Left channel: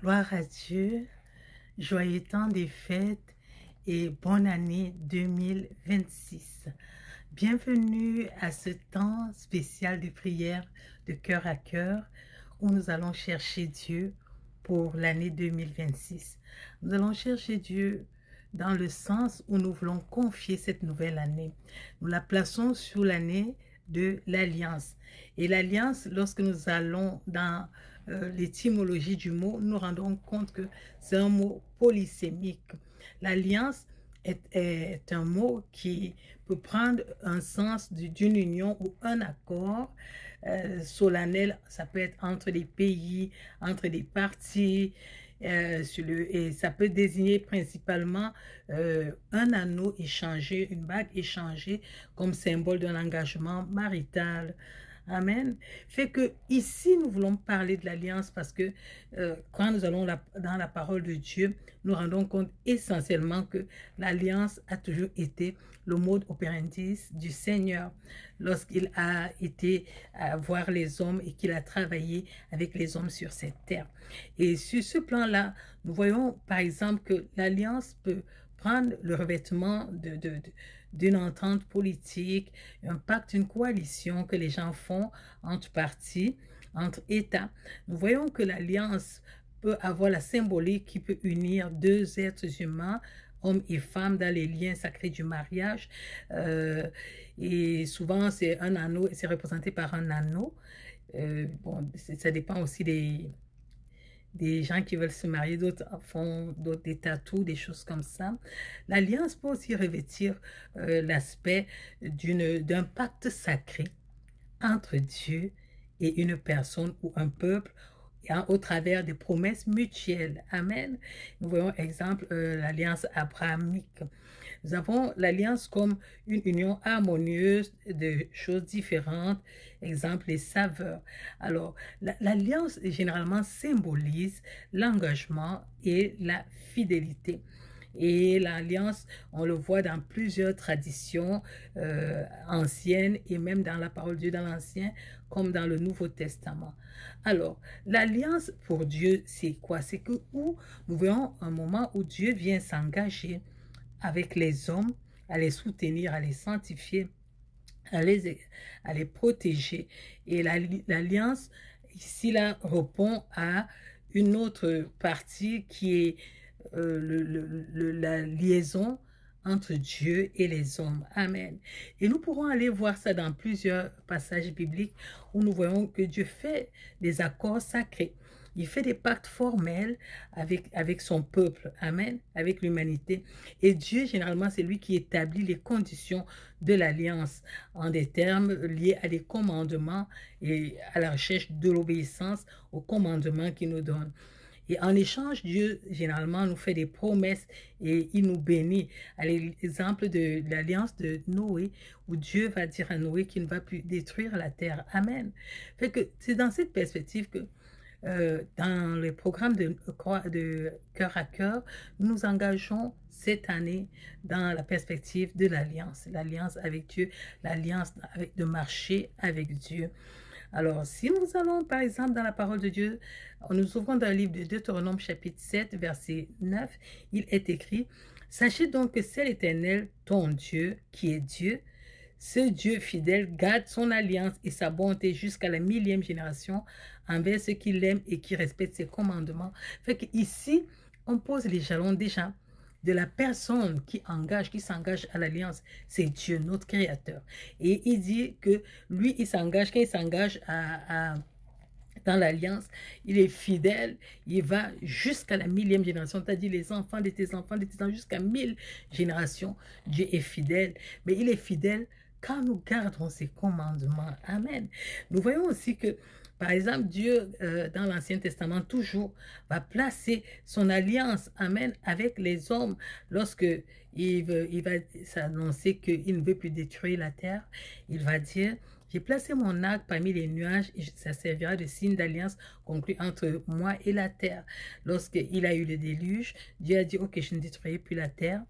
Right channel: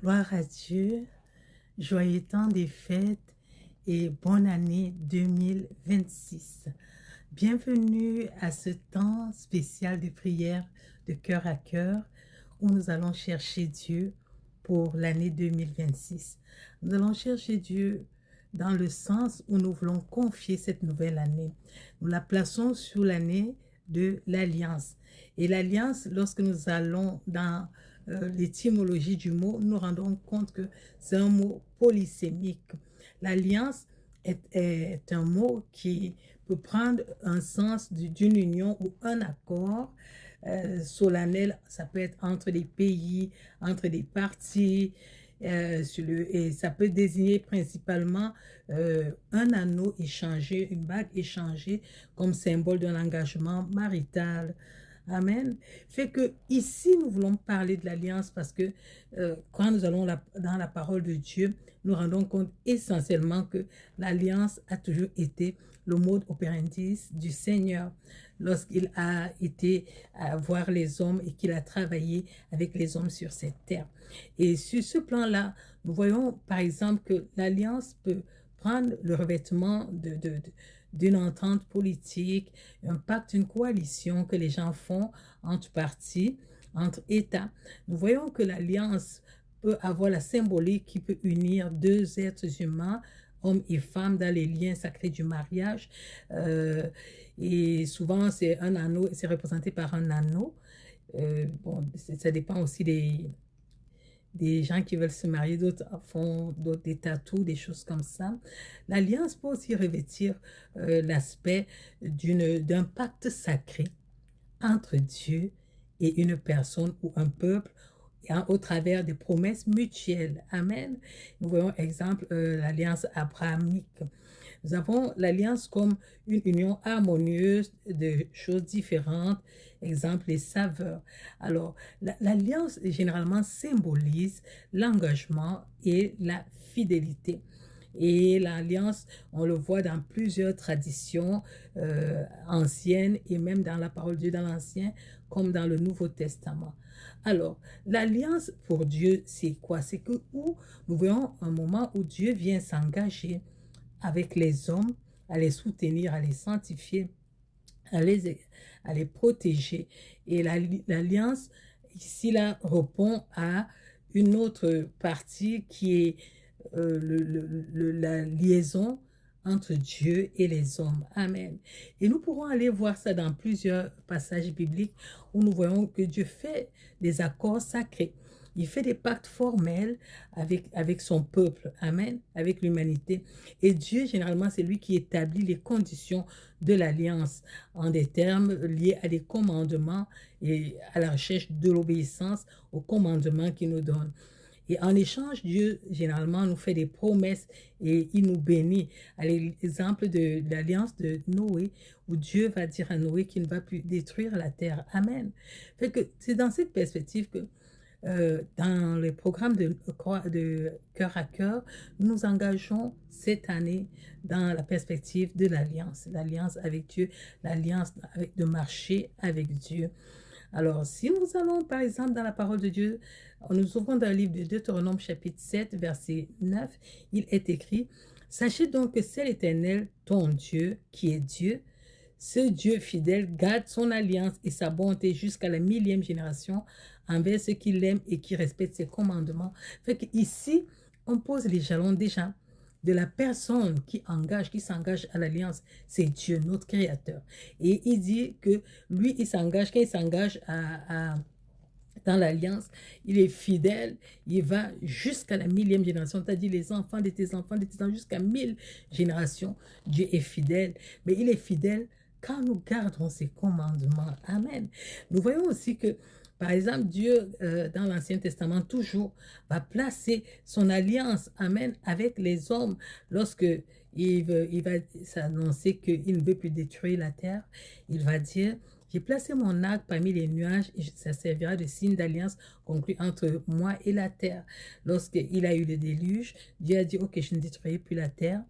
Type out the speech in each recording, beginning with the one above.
Gloire à Dieu, joyeux temps des fêtes et bonne année 2026. Bienvenue à ce temps spécial de prière de cœur à cœur où nous allons chercher Dieu pour l'année 2026. Nous allons chercher Dieu dans le sens où nous voulons confier cette nouvelle année. Nous la plaçons sous l'année de l'alliance. Et l'alliance, lorsque nous allons dans l'étymologie du mot, nous nous rendons compte que c'est un mot polysémique. L'alliance est un mot qui peut prendre un sens d'une union ou un accord solennel. Ça peut être entre les pays, entre des parties, et ça peut désigner principalement un anneau échangé, une bague échangée comme symbole d'un engagement marital. Amen. Fait que ici, nous voulons parler de l'alliance parce que quand nous allons dans la parole de Dieu, nous rendons compte essentiellement que l'alliance a toujours été le mode operandi du Seigneur lorsqu'il a été à voir les hommes et qu'il a travaillé avec les hommes sur cette terre. Et sur ce plan-là, nous voyons par exemple que l'alliance peut prendre le revêtement d'une entente politique, un pacte, une coalition que les gens font entre partis, entre États. Nous voyons que l'alliance peut avoir la symbolique qui peut unir deux êtres humains, hommes et femmes, dans les liens sacrés du mariage. Et souvent, c'est un anneau, c'est représenté par un anneau. Bon, ça dépend aussi des gens qui veulent se marier, d'autres font des tatous, des choses comme ça. L'alliance peut aussi revêtir l'aspect d'un pacte sacré entre Dieu et une personne ou un peuple au travers des promesses mutuelles. Amen. Nous voyons, exemple, l'alliance abrahamique. Nous avons l'alliance comme une union harmonieuse de choses différentes, exemple les saveurs. Alors, l'alliance généralement symbolise l'engagement et la fidélité. Et l'alliance, on le voit dans plusieurs traditions anciennes et même dans la parole de Dieu dans l'Ancien comme dans le Nouveau Testament. Alors, l'alliance pour Dieu, c'est quoi? C'est que où nous voyons un moment où Dieu vient s'engager avec les hommes, à les soutenir, à les sanctifier, à les protéger. Et l'alliance, ici, là, répond à une autre partie qui est la liaison entre Dieu et les hommes. Amen. Et nous pourrons aller voir ça dans plusieurs passages bibliques où nous voyons que Dieu fait des accords sacrés. Il fait des pactes formels avec son peuple, amen, avec l'humanité. Et Dieu, généralement, c'est lui qui établit les conditions de l'alliance en des termes liés à des commandements et à la recherche de l'obéissance aux commandements qu'il nous donne. Et en échange, Dieu, généralement, nous fait des promesses et il nous bénit. À l'exemple de l'alliance de Noé, où Dieu va dire à Noé qu'il ne va plus détruire la terre. Amen. Fait que c'est dans cette perspective que dans le programme de cœur à cœur, nous nous engageons cette année dans la perspective de l'alliance avec Dieu, l'alliance de marcher avec Dieu. Alors, si nous allons, par exemple, dans la parole de Dieu, nous ouvrons dans le livre de Deutéronome, chapitre 7, verset 9, il est écrit, « Sachez donc que c'est l'Éternel, ton Dieu, qui est Dieu. Ce Dieu fidèle garde son alliance et sa bonté jusqu'à la 1000e génération envers ceux qui l'aiment et qui respectent ses commandements. » Fait qu'ici, on pose les jalons déjà de la personne qui s'engage à l'alliance, c'est Dieu, notre Créateur. Et il dit que lui, quand il s'engage dans l'alliance, il est fidèle, il va jusqu'à la 1000e génération, c'est-à-dire les enfants de tes enfants, jusqu'à 1000 générations. Dieu est fidèle, mais il est fidèle quand nous gardons ses commandements. Amen. Nous voyons aussi que, par exemple, Dieu, dans l'Ancien Testament, toujours va placer son alliance, amen, avec les hommes lorsque il va s'annoncer qu'il ne veut plus détruire la terre. Il va dire, j'ai placé mon arc parmi les nuages et ça servira de signe d'alliance conclu entre moi et la terre. Lorsqu'il a eu le déluge, Dieu a dit, ok, je ne détruirai plus la terre.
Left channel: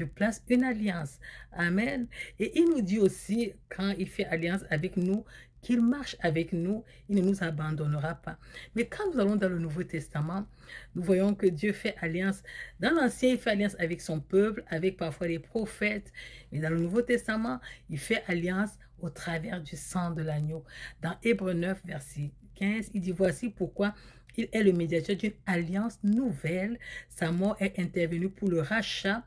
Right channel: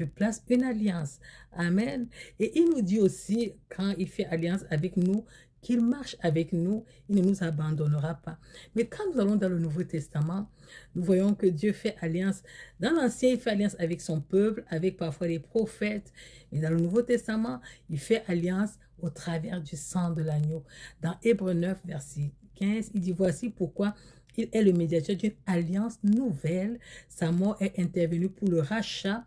je place une alliance. Amen. Et il nous dit aussi, quand il fait alliance avec nous, qu'il marche avec nous, il ne nous abandonnera pas. Mais quand nous allons dans le Nouveau Testament, nous voyons que Dieu fait alliance. Dans l'Ancien, il fait alliance avec son peuple, avec parfois les prophètes. Mais dans le Nouveau Testament, il fait alliance au travers du sang de l'agneau. Dans Hébreux 9, verset 15, il dit, voici pourquoi il est le médiateur d'une alliance nouvelle. Sa mort est intervenue pour le rachat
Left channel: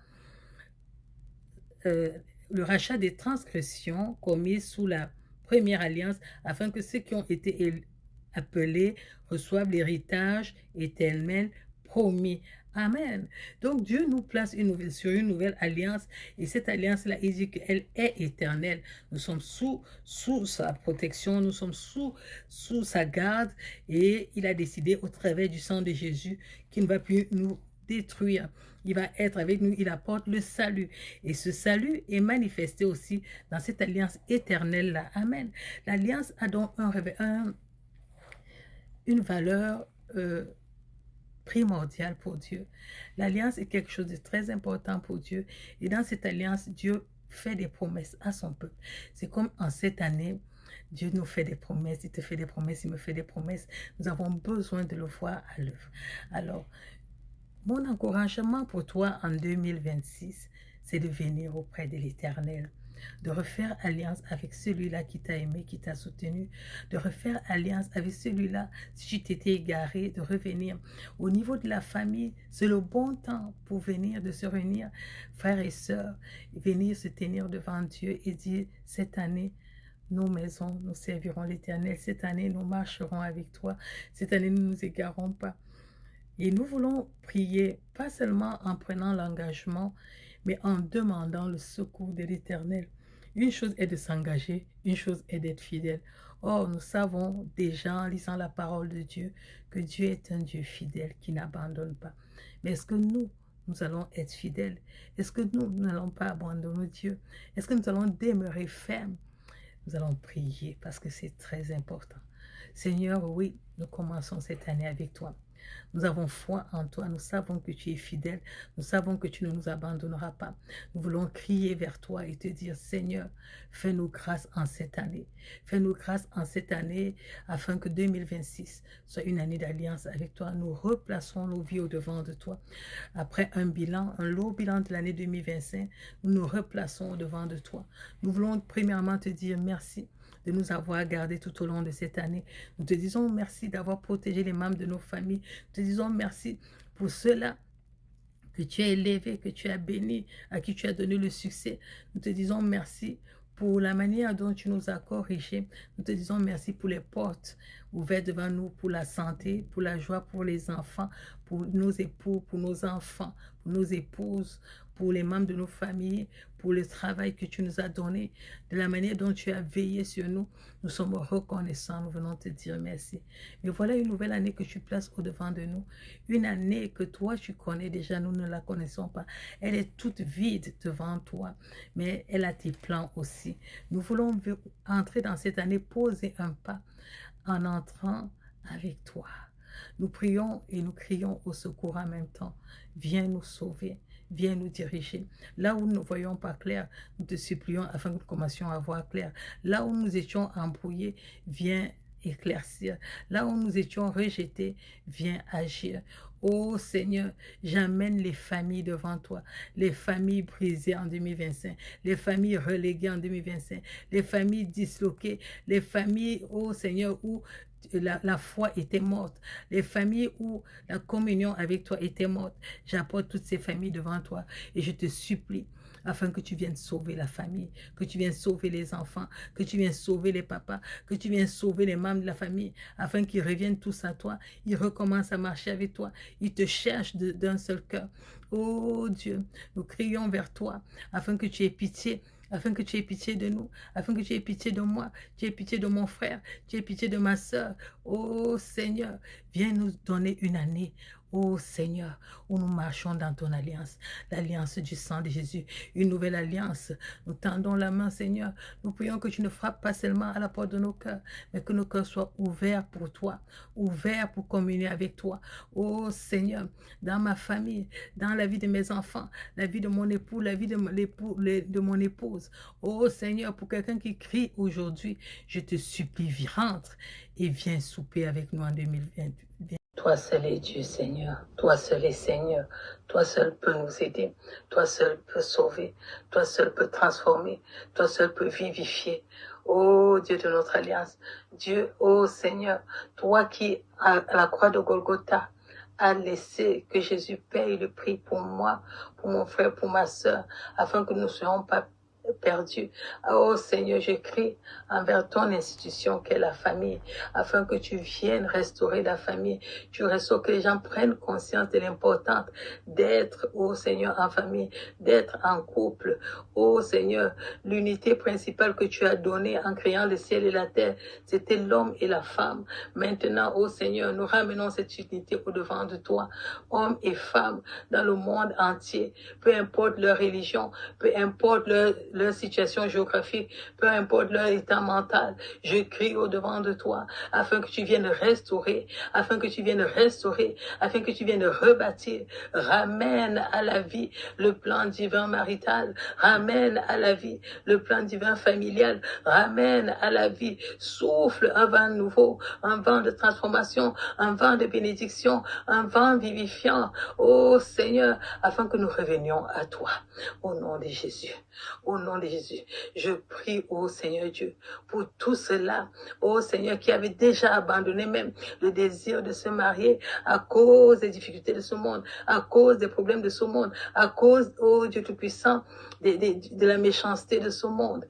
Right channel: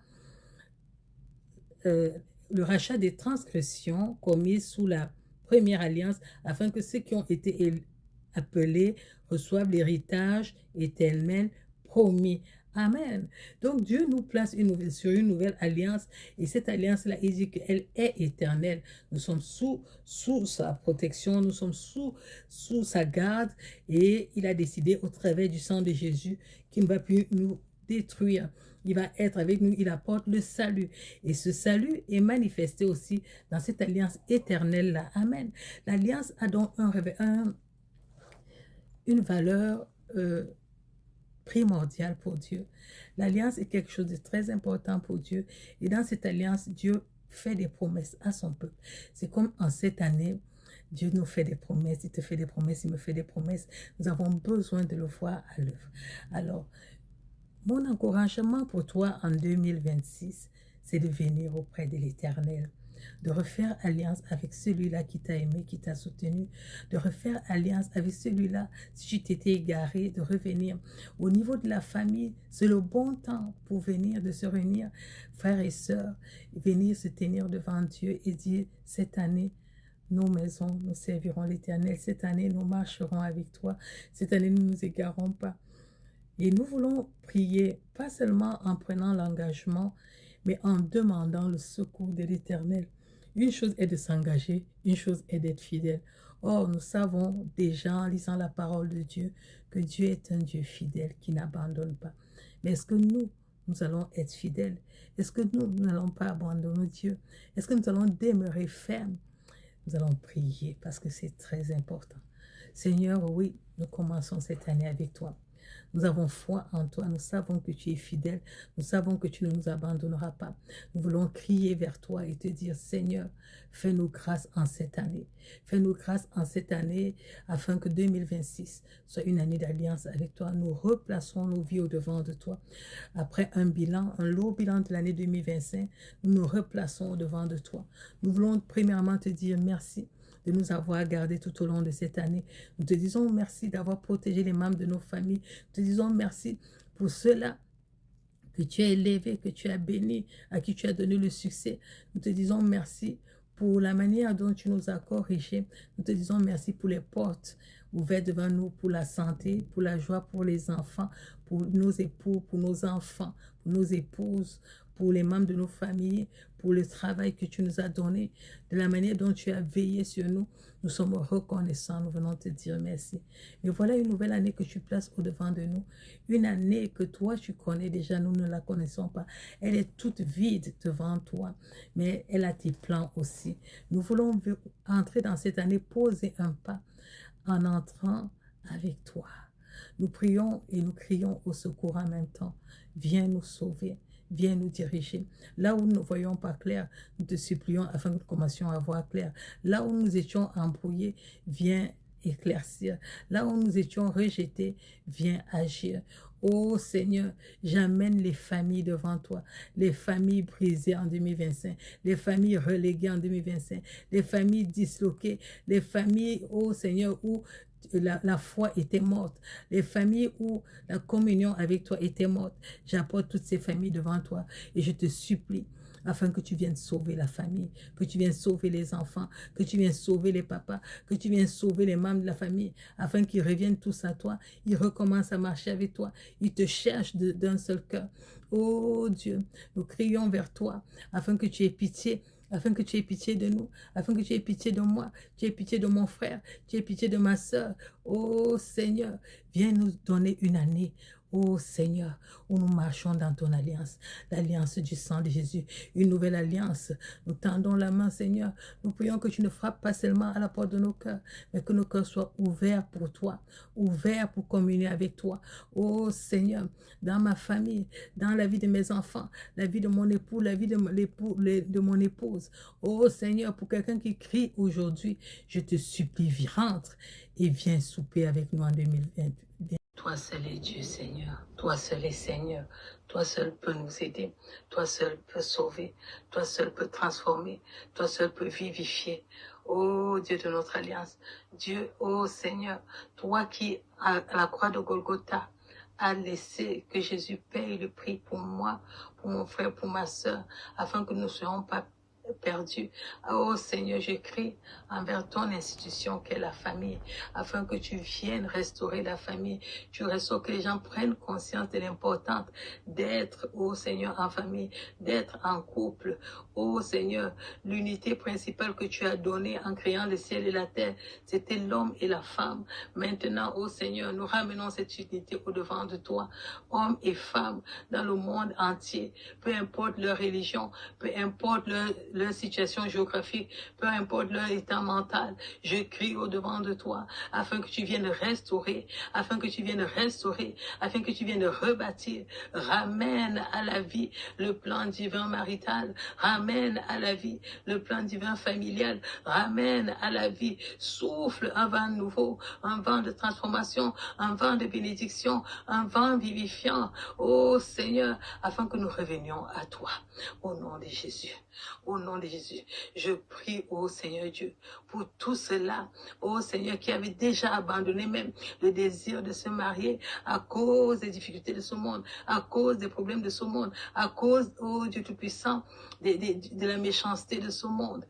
des transgressions commises sous la première alliance, afin que ceux qui ont été appelés reçoivent l'héritage éternel promis. Amen. Donc Dieu nous place sur une nouvelle alliance, et cette alliance-là, il dit qu'elle est éternelle. Nous sommes sous sa protection, nous sommes sous sa garde, et il a décidé au travers du sang de Jésus qu'il ne va plus nous détruire. Il va être avec nous, il apporte le salut. Et ce salut est manifesté aussi dans cette alliance éternelle-là. Amen. L'alliance a donc une valeur primordiale pour Dieu. L'alliance est quelque chose de très important pour Dieu. Et dans cette alliance, Dieu fait des promesses à son peuple. C'est comme en cette année, Dieu nous fait des promesses, il te fait des promesses, il me fait des promesses. Nous avons besoin de le voir à l'œuvre. Alors, mon encouragement pour toi en 2026, c'est de venir auprès de l'Éternel, de refaire alliance avec celui-là qui t'a aimé, qui t'a soutenu, de refaire alliance avec celui-là, si tu t'étais égaré, de revenir. Au niveau de la famille, c'est le bon temps pour venir, de se réunir, frères et sœurs, venir se tenir devant Dieu et dire, cette année, nos maisons, nous servirons l'Éternel. Cette année, nous marcherons avec toi. Cette année, nous ne nous égarons pas. Et nous voulons prier, pas seulement en prenant l'engagement, mais en demandant le secours de l'Éternel. Une chose est de s'engager, une chose est d'être fidèle. Or, nous savons déjà en lisant la parole de Dieu que Dieu est un Dieu fidèle qui n'abandonne pas. Mais est-ce que nous allons être fidèles? Est-ce que nous n'allons pas abandonner Dieu? Est-ce que nous allons demeurer fermes? Nous allons prier parce que c'est très important. Seigneur, oui, nous commençons cette année avec toi. Nous avons foi en toi, nous savons que tu es fidèle, nous savons que tu ne nous abandonneras pas. Nous voulons crier vers toi et te dire, Seigneur, fais-nous grâce en cette année. Fais-nous grâce en cette année afin que 2026 soit une année d'alliance avec toi. Nous replaçons nos vies au-devant de toi. Après un lourd bilan de l'année 2025, nous nous replaçons au-devant de toi. Nous voulons premièrement te dire merci de nous avoir gardés tout au long de cette année. Nous te disons merci d'avoir protégé les membres de nos familles. Nous te disons merci pour ceux-là que tu as élevés, que tu as bénis, à qui tu as donné le succès. Nous te disons merci pour la manière dont tu nous as corrigés. Nous te disons merci pour les portes ouvertes devant nous, pour la santé, pour la joie, pour les enfants, pour nos époux, pour nos enfants, pour nos épouses, pour les membres de nos familles, pour le travail que tu nous as donné, de la manière dont tu as veillé sur nous. Nous sommes reconnaissants, nous venons te dire merci. Mais voilà une nouvelle année que tu places au-devant de nous. Une année que toi, tu connais déjà, nous ne la connaissons pas. Elle est toute vide devant toi, mais elle a tes plans aussi. Nous voulons entrer dans cette année, poser un pas en entrant avec toi. Nous prions et nous crions au secours en même temps. Viens nous sauver. Viens nous diriger. Là où nous ne voyons pas clair, nous te supplions afin que nous commencions à voir clair. Là où nous étions embrouillés, viens éclaircir. Là où nous étions rejetés, viens agir. Oh Seigneur, j'amène les familles devant toi, les familles brisées en 2025, les familles reléguées en 2025, les familles disloquées, les familles, oh Seigneur, où la foi était morte, les familles où la communion avec toi était morte. J'apporte toutes ces familles devant toi et je te supplie afin que tu viennes sauver la famille, que tu viennes sauver les enfants, que tu viennes sauver les papas, que tu viennes sauver les membres de la famille, afin qu'ils reviennent tous à toi, ils recommencent à marcher avec toi, ils te cherchent d'un seul cœur. Oh Dieu, nous crions vers toi afin que tu aies pitié, afin que tu aies pitié de nous, afin que tu aies pitié de moi, tu aies pitié de mon frère, tu aies pitié de ma sœur. Oh Seigneur, viens nous donner une année, ô Seigneur, où nous marchons dans ton alliance, l'alliance du sang de Jésus, une nouvelle alliance. Nous tendons la main, Seigneur. Nous prions que tu ne frappes pas seulement à la porte de nos cœurs, mais que nos cœurs soient ouverts pour toi, ouverts pour communier avec toi. Ô Seigneur, dans ma famille, dans la vie de mes enfants, la vie de mon époux, la vie de mon épouse. Ô Seigneur, pour quelqu'un qui crie aujourd'hui, je te supplie, rentre et viens souper avec nous en 2020. Toi seul est Dieu, Seigneur. Toi seul est Seigneur. Toi seul peux nous aider. Toi seul peux sauver. Toi seul peux transformer. Toi seul peux vivifier. Ô Dieu de notre alliance. Dieu, ô Seigneur, toi qui, à la croix de Golgotha, a laissé que Jésus paye le prix pour moi, pour mon frère, pour ma soeur, afin que nous ne soyons pas perdus. Oh Seigneur, je crie envers ton institution qu'est la famille, afin que tu viennes restaurer la famille. Tu restaures, que les gens prennent conscience de l'importance d'être, oh Seigneur, en famille, d'être en couple. Oh Seigneur, l'unité principale que tu as donnée en créant le ciel et la terre, c'était l'homme et la femme. Maintenant, oh Seigneur, nous ramenons cette unité au-devant de toi, hommes et femmes dans le monde entier, peu importe leur religion, peu importe leur situation géographique, peu importe leur état mental, je crie au-devant de toi, afin que tu viennes restaurer, afin que tu viennes restaurer, afin que tu viennes rebâtir, ramène à la vie le plan divin marital, ramène à la vie le plan divin familial, ramène à la vie, souffle un vent nouveau, un vent de transformation, un vent de bénédiction, un vent vivifiant, ô Seigneur, afin que nous revenions à toi, au nom de Jésus. Au nom de Jésus, je prie, ô Seigneur Dieu, pour tout cela, ô Seigneur, qui avait déjà abandonné même le désir de se marier à cause des difficultés de ce monde, à cause des problèmes de ce monde, à cause, ô Dieu Tout-Puissant, de la méchanceté de ce monde.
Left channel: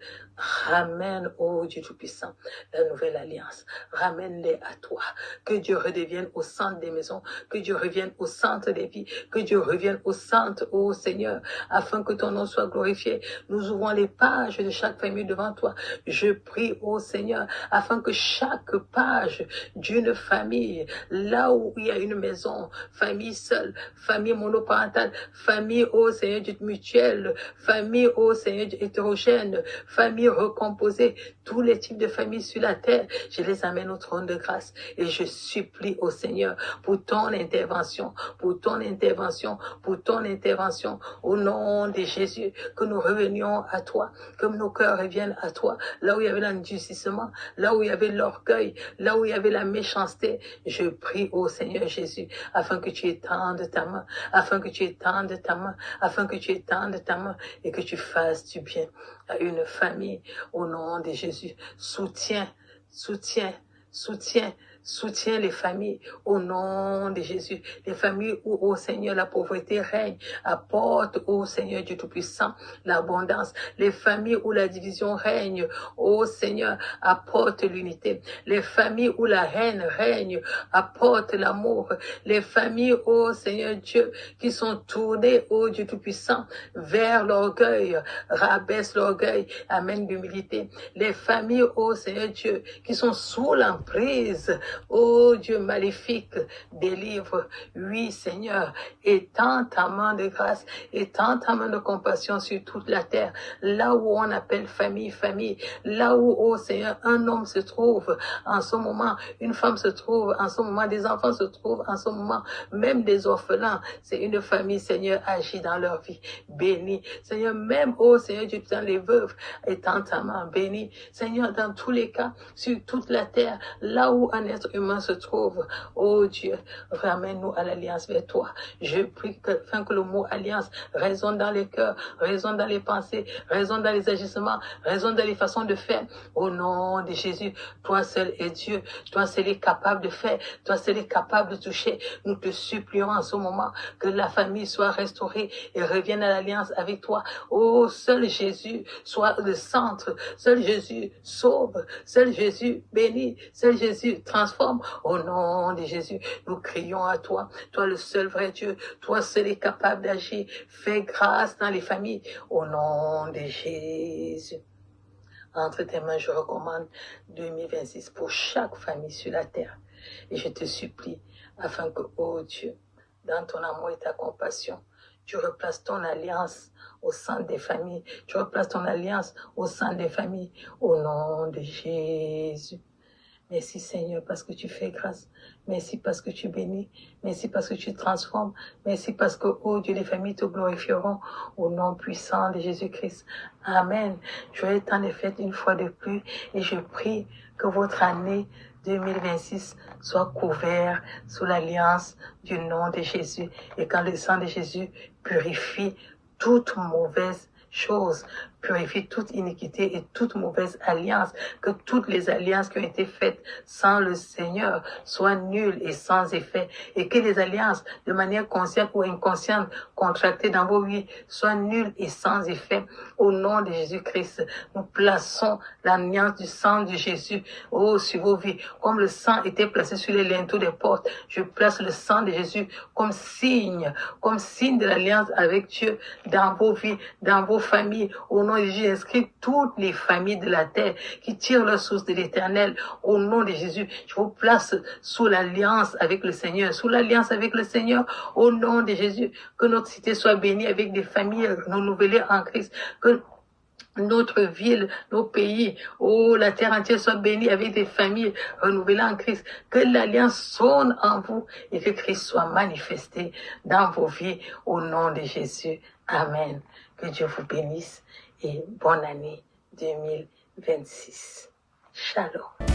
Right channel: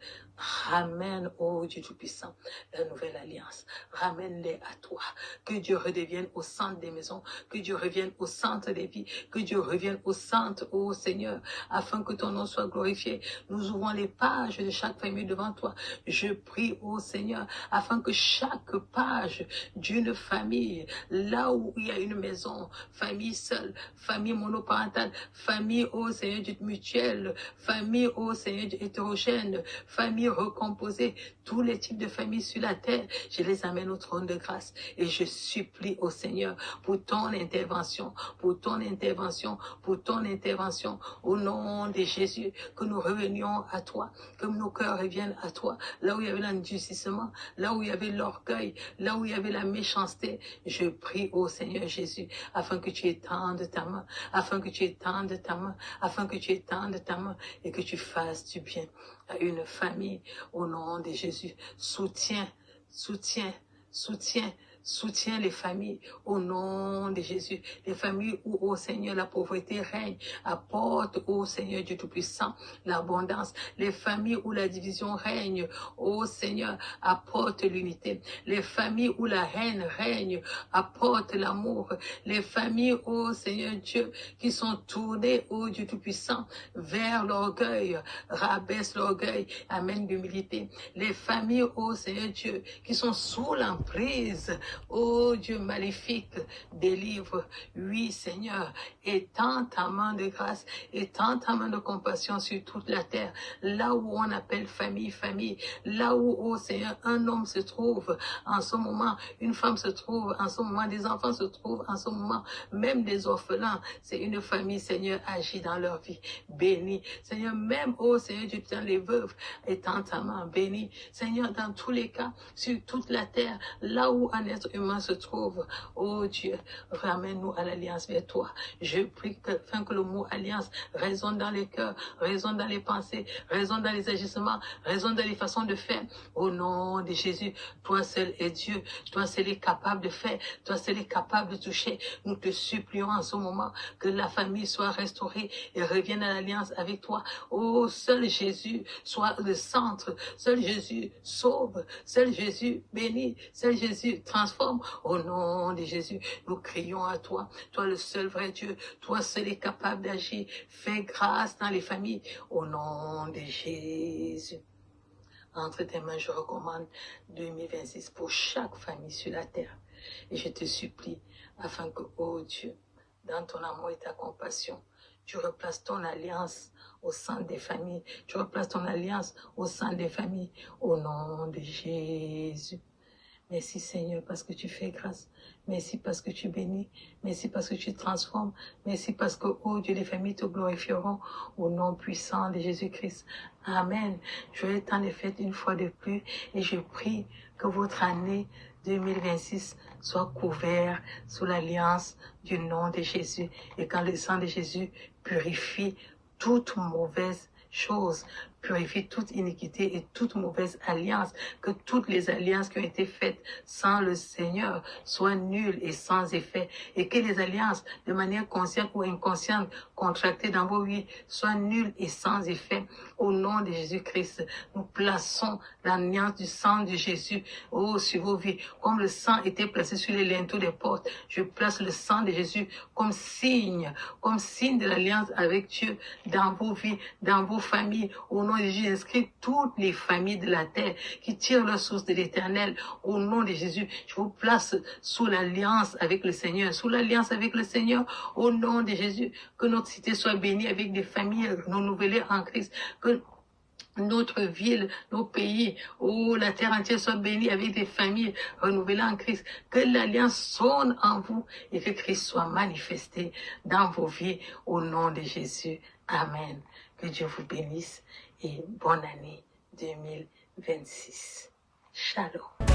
Ramène, ô Dieu Tout-Puissant, la nouvelle alliance. Ramène-les à toi. Que Dieu redevienne au centre des maisons. Que Dieu revienne au centre des vies. Que Dieu revienne au centre, ô Seigneur, afin que ton nom soit glorifié. Nous ouvrons les pages de chaque famille devant toi. Je prie, ô Seigneur, afin que chaque page d'une famille, là où il y a une maison, famille seule, famille monoparentale, famille, ô Seigneur, mutuelle, famille, ô Seigneur, hétérogène, famille recomposée, tous les types de familles sur la terre, je les amène au trône de grâce et je supplie au Seigneur pour ton intervention, pour ton intervention, pour ton intervention, au nom de Jésus, que nous revenions à toi, que nos cœurs reviennent à toi, là où il y avait l'endurcissement, là où il y avait l'orgueil, là où il y avait la méchanceté, je prie au Seigneur Jésus, afin que tu étendes ta main, afin que tu étendes ta main, afin que tu étendes ta main et que tu fasses du bien à une famille au nom de Jésus. Soutiens, soutiens, soutiens, soutiens les familles au nom de Jésus. Les familles où, ô Seigneur, la pauvreté règne, apporte, ô Seigneur Dieu Tout-Puissant, l'abondance. Les familles où la division règne, ô Seigneur, apporte l'unité. Les familles où la haine règne, apporte l'amour. Les familles, ô Seigneur Dieu, qui sont tournées, ô Dieu Tout-Puissant, vers l'orgueil, rabaisse l'orgueil, amène l'humilité. Les familles, ô Seigneur Dieu, qui sont sous l'emprise, ô Dieu maléfique, délivre. Oui, Seigneur, étends ta main de grâce, étends ta main de compassion sur toute la terre, là où on appelle famille, famille, là où, ô Seigneur, un homme se trouve en ce moment, une femme se trouve en ce moment, des enfants se trouvent en ce moment, même des orphelins, c'est une famille, Seigneur, agit dans leur vie, bénis, Seigneur, même, ô Seigneur, tu tiens les veuves, étends ta main, bénis, Seigneur, dans tous les cas, sur toute la terre, là où un être humain se trouve, ô Dieu, ramène-nous à l'alliance vers toi. Je prie afin que le mot alliance résonne dans les cœurs, résonne dans les pensées, résonne dans les agissements, résonne dans les façons de faire. Au nom de Jésus, toi seul est Dieu, toi seul est capable de faire, toi seul est capable de toucher. Nous te supplions en ce moment que la famille soit restaurée et revienne à l'alliance avec toi. Oh, seul Jésus soit le centre, seul Jésus sauve, seul Jésus bénit, seul Jésus transforme. Au nom de Jésus, nous crions à toi, toi le seul vrai Dieu, toi seul est capable d'agir. Fais grâce dans les familles. Au nom de Jésus. Entre tes mains, je recommande 2026 pour chaque famille sur la terre. Et je te supplie, afin que, oh Dieu, dans ton amour et ta compassion. Tu replaces ton alliance au sein des familles. Tu replaces ton alliance au sein des familles. Au nom de Jésus. Merci Seigneur parce que tu fais grâce. Merci parce que tu bénis. Merci parce que tu transformes. Merci parce que, oh Dieu, les familles te glorifieront au nom puissant de Jésus-Christ. Amen. Joyeux temps des fêtes une fois de plus et je prie que votre année 2026 soit couverte sous l'alliance du nom de Jésus et quand le sang de Jésus purifie toute mauvaise chose, purifie toute iniquité et toute mauvaise alliance, que toutes les alliances qui ont été faites sans le Seigneur soient nulles et sans effet, et que les alliances, de manière consciente ou inconsciente, contractées dans vos vies, soient nulles et sans effet. Au nom de Jésus-Christ, nous plaçons l'alliance du sang de Jésus sur vos vies, comme le sang était placé sur les linteaux des portes. Je place le sang de Jésus comme signe de l'alliance avec Dieu dans vos vies, dans vos familles. Au nom de Jésus, inscris toutes les familles de la terre qui tirent leur source de l'Éternel. Au nom de Jésus, je vous place sous l'alliance avec le Seigneur, sous l'alliance avec le Seigneur. Au nom de Jésus, que notre cité soit bénie avec des familles renouvelées en Christ, que notre ville, nos pays, la terre entière soit bénie avec des familles renouvelées en Christ. Que l'alliance sonne en vous et que Christ soit manifesté dans vos vies au nom de Jésus. Amen. Que Dieu vous bénisse et bonne année 2026. Shalom.